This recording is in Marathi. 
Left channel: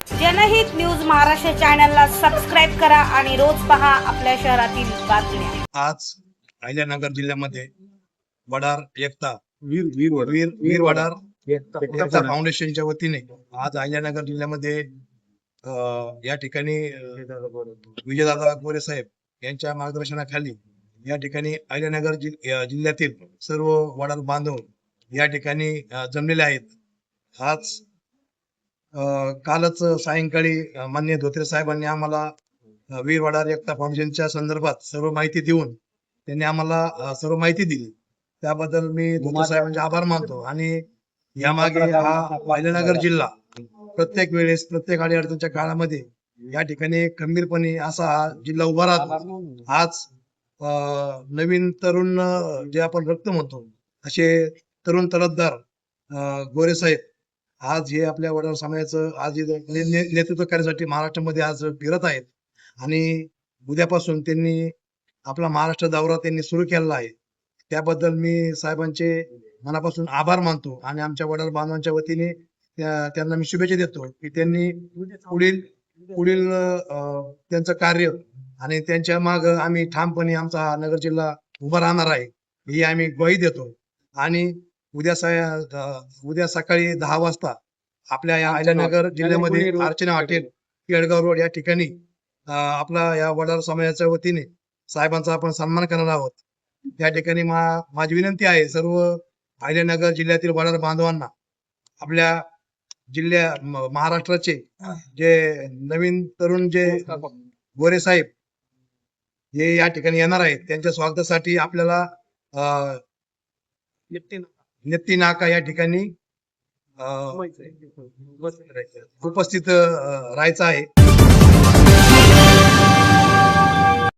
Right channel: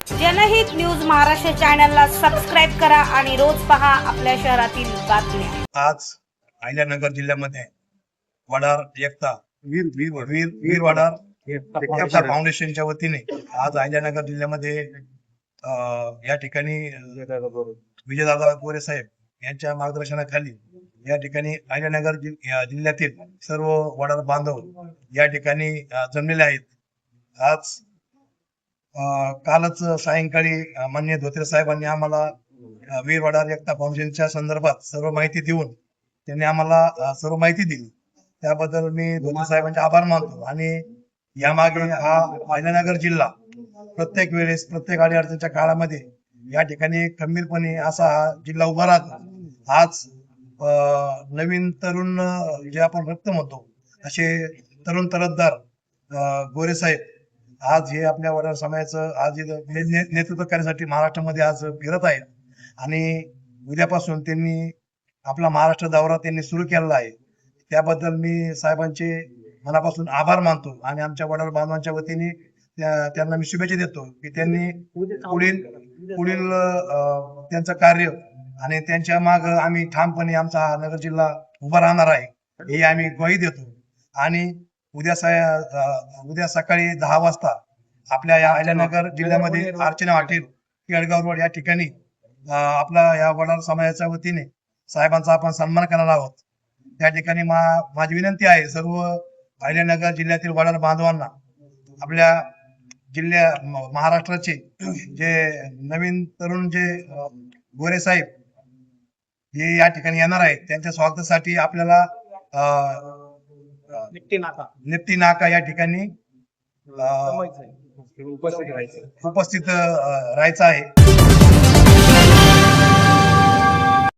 जनहित न्यूज महाराष्ट्र चॅनलला सबस्क्राइब करा आणि रोज पहा आपल्या शहरातील बातम्या। आज अहिल्यानगर जिल्ह्यामध्ये वडार एकता वीर वडार एकता फाउंडेशनच्या वतीने आज अहिल्यानगर जिल्ह्यामध्ये या ठिकाणी विजयदादा गोरे साहेब यांच्या मार्गदर्शनाखाली या ठिकाणी अहिल्यानगर जिल्ह्यातील सर्व वडार बांधव या ठिकाणी जमलेले आहेत। आज कालच सायंकाळी माननीय धोत्रे साहेबांनी आम्हाला वीर वडार एकता फाउंडेशनच्या संदर्भात सर्व माहिती देऊन त्यांनी आम्हाला सर्व माहिती दिली, त्याबद्दल मी धोत्रे साहेबांचे आभार मानतो। आणि यामागे हा अहिल्यानगर जिल्हा प्रत्येक वेळेस प्रत्येक अडीअडचणीच्या काळामध्ये या ठिकाणी खंबीरपणे असा हा जिल्हा उभा राहतो। आज नवीन तरुण जे आपण रक्त म्हणतो असे तरुण तरफदार गोरे साहेब आज हे आपल्या वडार समाजाचं आज नेतृत्व करण्यासाठी महाराष्ट्रामध्ये आज फिरत आहेत आणि उद्यापासून त्यांनी आपला महाराष्ट्र दौरा त्यांनी सुरू केलेला आहे। त्याबद्दल मी साहेबांचे मनापासून आभार मानतो आणि आमच्या वडार बांधवांच्या वतीने त्यांना मी शुभेच्छा देतो की त्यांनी पुढील त्यांचं कार्य आणि त्यांच्या माग आम्ही ठामपणे आमचा नगर जिल्हा उभा राहणार आहे हे आम्ही ग्वाही देतो। आणि उद्या सकाळी 10 वाजता आपल्या या अहिल्यानगर जिल्ह्यामध्ये अर्चना हॉटेल केळगाव रोड या ठिकाणी आपला या वडार समाजाच्या वतीने साहेबांचा आपण सन्मान करणार आहोत। त्या ठिकाणी माझी विनंती आहे सर्व अहिल्यानगर जिल्ह्यातील वडार बांधवांना आपल्या महाराष्ट्राचे जे नवीन तरुण जे गोरे साहेब हे या ठिकाणी येणार आहेत त्यांच्या स्वागतासाठी आपल्याला निप्ती नाका या ठिकाणी उपस्थित राहायचं आहे।